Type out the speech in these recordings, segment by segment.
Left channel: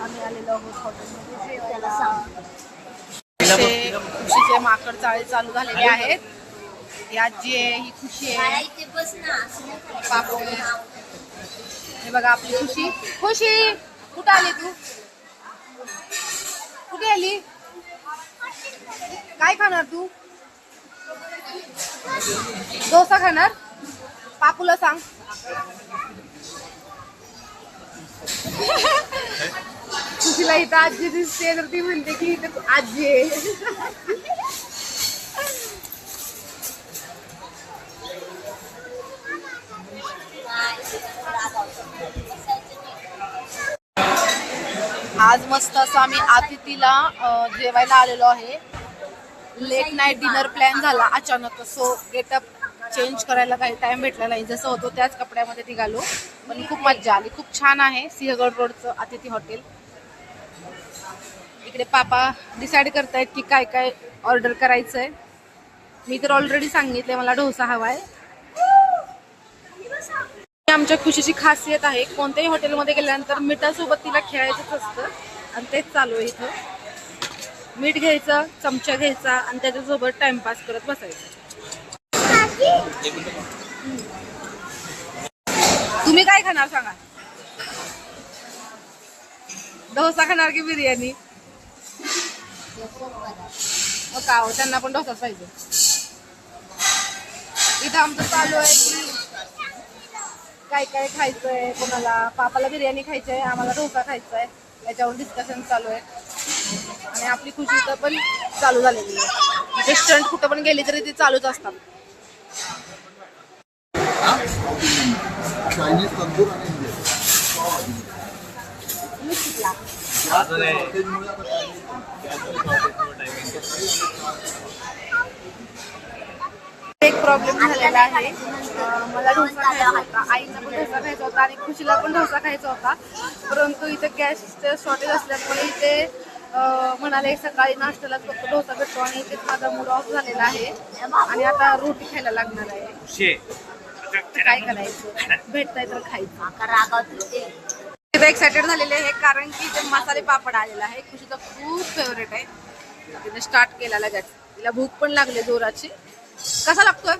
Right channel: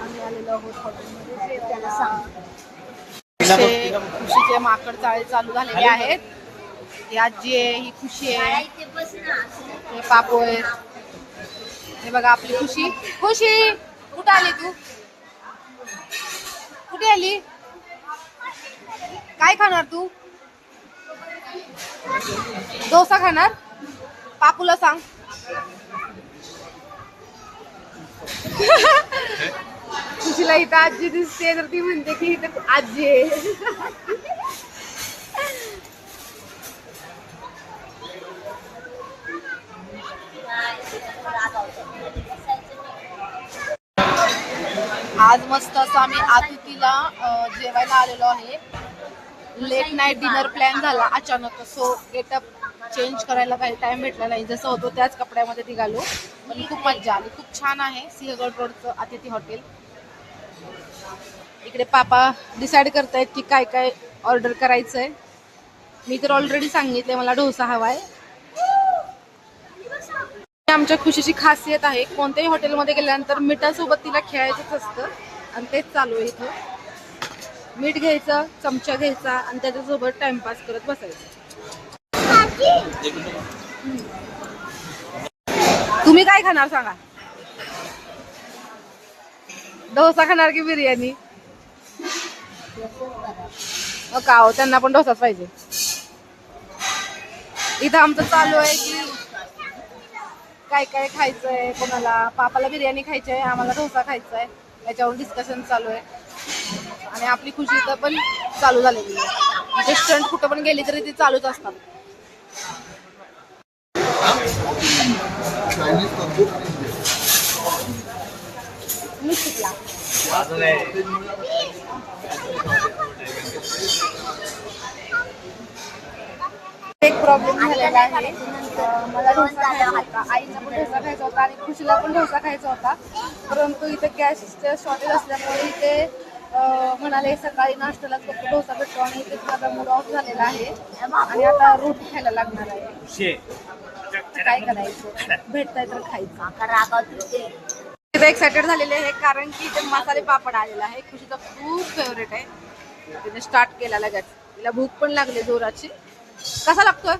आम्ही आलेलो आहोत हॉटेलमध्ये जेवायला. खुशीचे माकड चाळे चालू झालेले आहेत. ही आजी आहे, ही खुशी आहे, हे काकू आहे. हे बघा आपली खुशी. खुशी कुठं आली तू? कुठे आली? काय खाणार तू? डोसा खाणार? पापूला सांग. खुशीला इथं आजी दिसते तर ती म्हणते की इथं आजी आहे. आज मस्त असं आम्ही अतिथीला जेवायला आलेलो आहे. लेट नाईट डिनर प्लॅन झाला अचानक. सो गेटअप चेंज करायला काही टाइम भेटला नाही. जसं होतो त्याच कपड्यामध्ये निघालो. पण खूप मज्जा आली. खूप छान आहे सिंहगड रोडचं अतिथी हॉटेल. इकडे पापा डिसाईड करतायत की काय काय ऑर्डर करायचंय. मी तर ऑलरेडी सांगितले मला डोसा हवाय. आमच्या खुशीची खासियत आहे कोणत्याही हॉटेलमध्ये गेल्यानंतर मिठासोबत तिला खेळायचंच असतं आणि तेच चालू आहे इथं. मीठ घ्यायचं, चमचा घ्यायचा आणि त्याच्यासोबत टाइमपास करत बसायचं. तुम्ही काय खाणार सांगा? डोसा खाणार की बिर्याणी? का हो, त्यांना पण डोसाच पाहिजे. इथं आमचं चालू आहे की काय काय खायचंय. कोणाला पापाला बिर्याणी खायची आहे, आम्हाला डोसा खायचा आहे. याच्यावर डिस्कशन चालू आहे. आणि आपली खुशी तर पण चालू झालेली आहे. इथे स्टंट कुठं पण गेली तरी ती चालूच असतात. एक प्रॉब्लेम झालेला आहे. मला डोसा खायचा होता, आईला पण डोसा खायचा होता आणि खुशीला पण डोसा खायचा होता. परंतु इथे गॅसचं शॉर्टेज असल्यामुळे इथे म्हणाले सकाळी नाश्त्यालाच फक्त डोसा भेटतो आणि इथेच माझा मूड ऑफ झालेला आहे आणि आता रोटी खायला लागणार आहे. काय करायचं, भेटतंय तर खायचं. इथे एक्सायटेड झालेले आहे कारण की इथे मसाले पापड आलेला आहे. खुशीचा खूप फेवरेट आहे. तिने स्टार्ट केला लगेच. तिला भूक पण लागली जोराची. कसा लागतोय?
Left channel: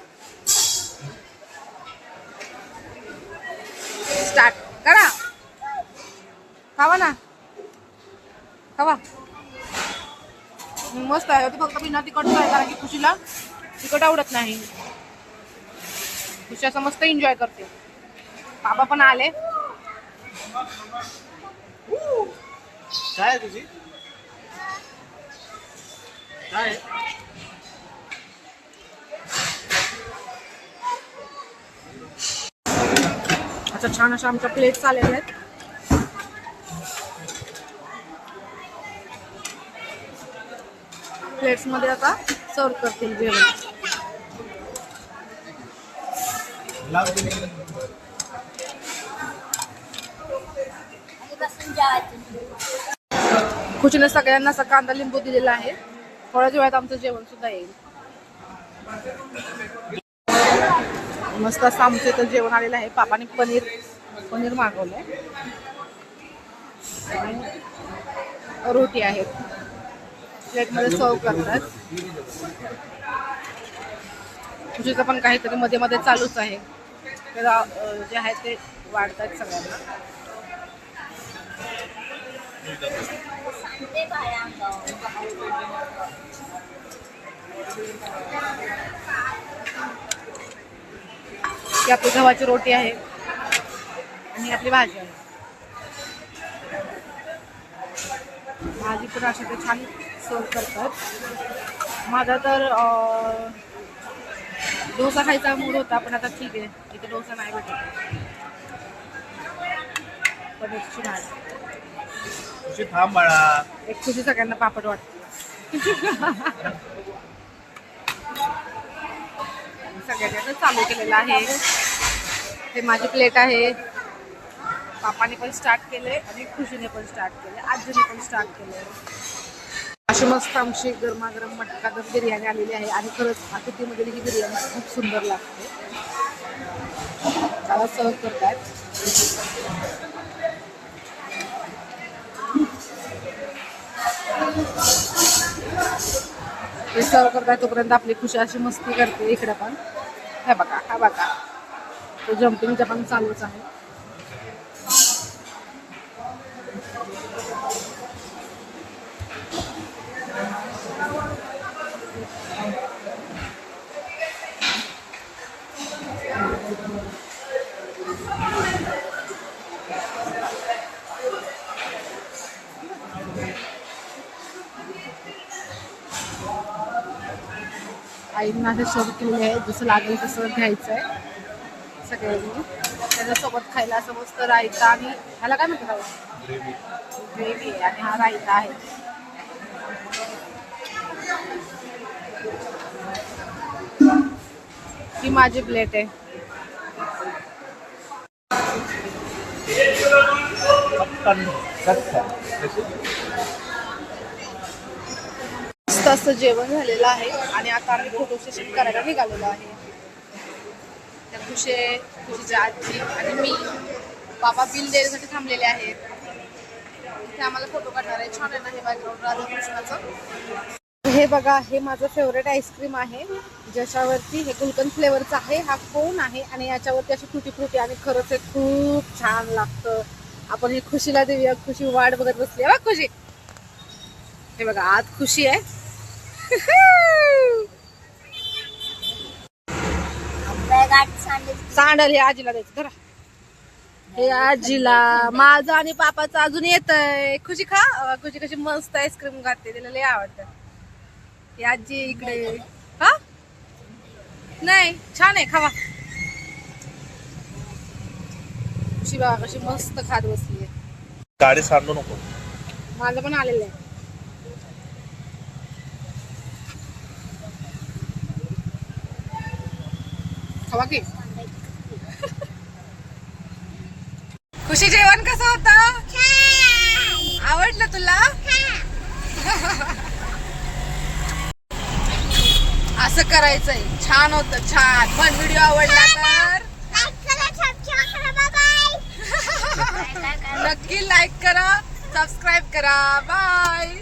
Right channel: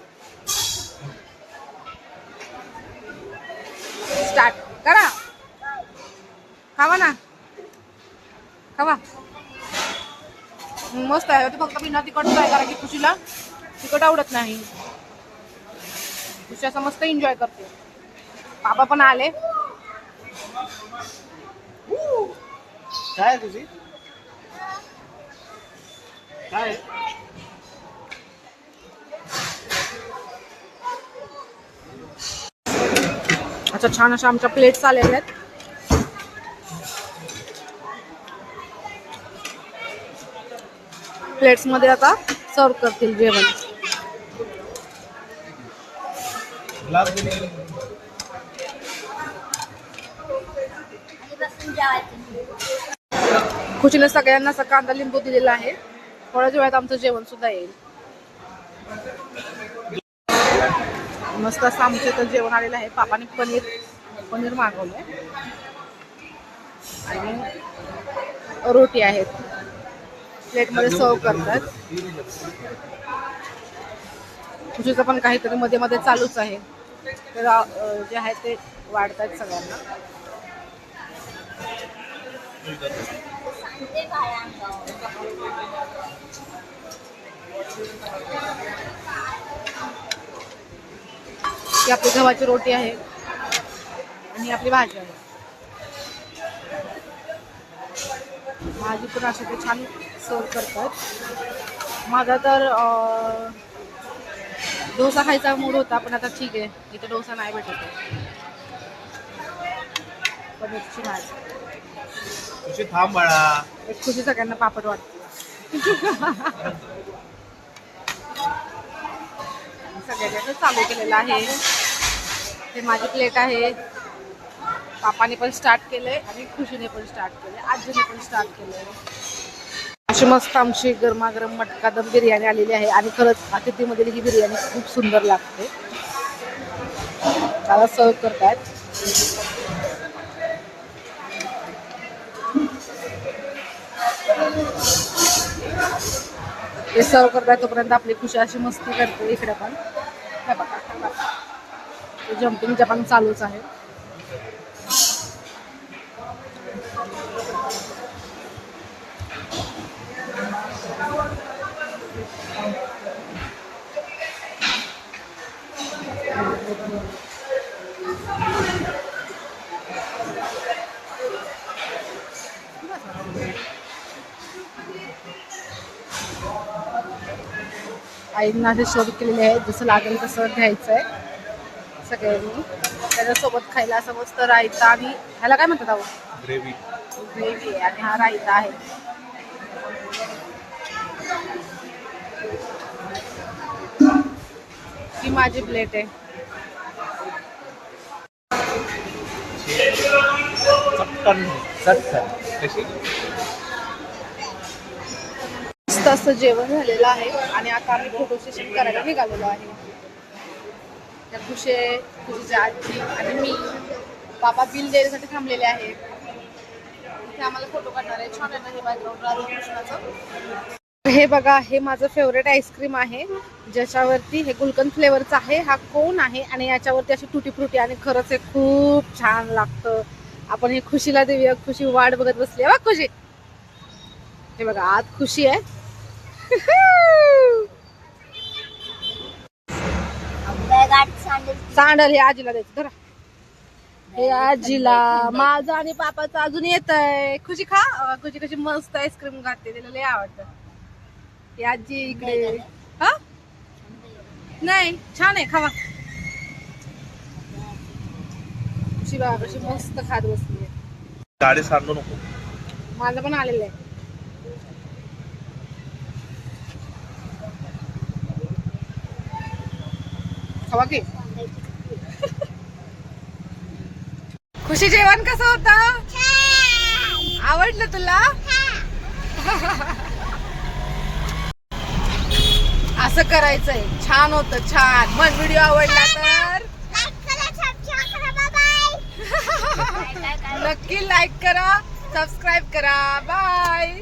स्टार्ट करा. खावा ना, खावा. मस्त आहे. ते फक्त बिना तिखट आहे कारण की खुशीला तिखट आवडत नाही. खुशी असं मस्त एन्जॉय करते. बाबा पण आले. काय तुझी काय अच्छा छान अशा आमच्या प्लेट्स आलेल्या आहेत. प्लेट्स मध्ये आता सर्व करतील जेवण. खुशीने सगळ्यांना असा कांदा लिंबू दिलेला आहे. थोड्याच वेळात आमचं जेवण सुद्धा येईल. मस्त असं आमचं इथं जेवण आलेलं आहे. पापाने पनीर मागवलंय आणि रोटी आहेत. प्लेटमध्ये सर्व करतात. खुशीचं पण काहीतरी मध्ये मध्ये चालूच आहे. तर जे आहे ते वाढतात सगळ्यांना. ही आपली गव्हाची रोटी आहे आणि आपली भाजी आहे. भाजी पण अशा ते छान सर्व करतात. माझा तर डोसा खायचा मूड होता पण आता ठीक आहे, इथे डोसा नाही भेटत. पनीरची भाजी. थांब बाळा. एक खुशी सगळ्यांना पापड वाटते. सगळ्यांनी चालू केलेलं आहे. हे माझी प्लेट आहे. पापाने पण स्टार्ट केलंय आणि खुशीने पण स्टार्ट केलंय, आजीने पण स्टार्ट केलंय. अशी मस्त आमची गरमागरम मटका दम बिर्याणी आलेली आहे आणि खरंच अतिथीमधील ही बिर्याणी खूप सुंदर लागते. त्याला सर्व करतायत. ते सर्व करताय तोपर्यंत आपली खुशी अशी मस्ती करते इकडे पण. हे बघा हा बघा, तो जम्पिंगच्या पण चालूच आहे. आईंना असे शोध केलेले आहेत, जसं लागेल तसं घ्यायचं आहे सगळ्यांनी. त्याच्यासोबत खायला असं मस्त रायता आणि ह्याला काय म्हणतात ग्रेव्ही. ग्रेव्ही आहे आणि हा रायता आहे. ही माझी प्लेट आहे. मस्त असं जेवण झालेलं आहे आणि आता आम्ही फोटो सेशन करायला निघालेलो आहे. खुशीच्या आजी आणि मी, बाबा बिल द्यायसाठी थांबलेले आहेत. इथे आम्हाला फोटो काढणार आहे. छान आहे ना हे बॅकग्राऊंड राधाकृष्णाचं. हे बघा, हे माझं फेवरेट आईस्क्रीम आहे, ज्याच्यावरती हे गुलकंद फ्लेवरचं आहे. हा कोन आहे आणि याच्यावरती अशी तुटी फ्रुटी आणि खरंच हे खूप छान लागतं. आपण हे खुशीला देऊया. खुशी वाट बघत बसली आहे बघ खुशी. हे बघा आत खुशी आहे. सांडल हे आजीला द्यायचं. धरा हे आजीला, माझं आणि पापाचं अजून येतंय. खुशी खा. खुशी कशी मस्त आईस्क्रीम खाते, तिला लय आवडतं. ही आजी इकडे. हा नाही छान आहे, खावा. खुशी बघा कशी मस्त खात बसली आहे. गाडी सांडू नको. माझं पण आलेलं आहे. खावा की. खुशी जेवण कसं होतं? आवडलं तुला? असं करायचंय. छान होतं, छान. पण व्हिडिओ आवडला तर नक्की लाईक करा, सबस्क्राईब करा. बाय.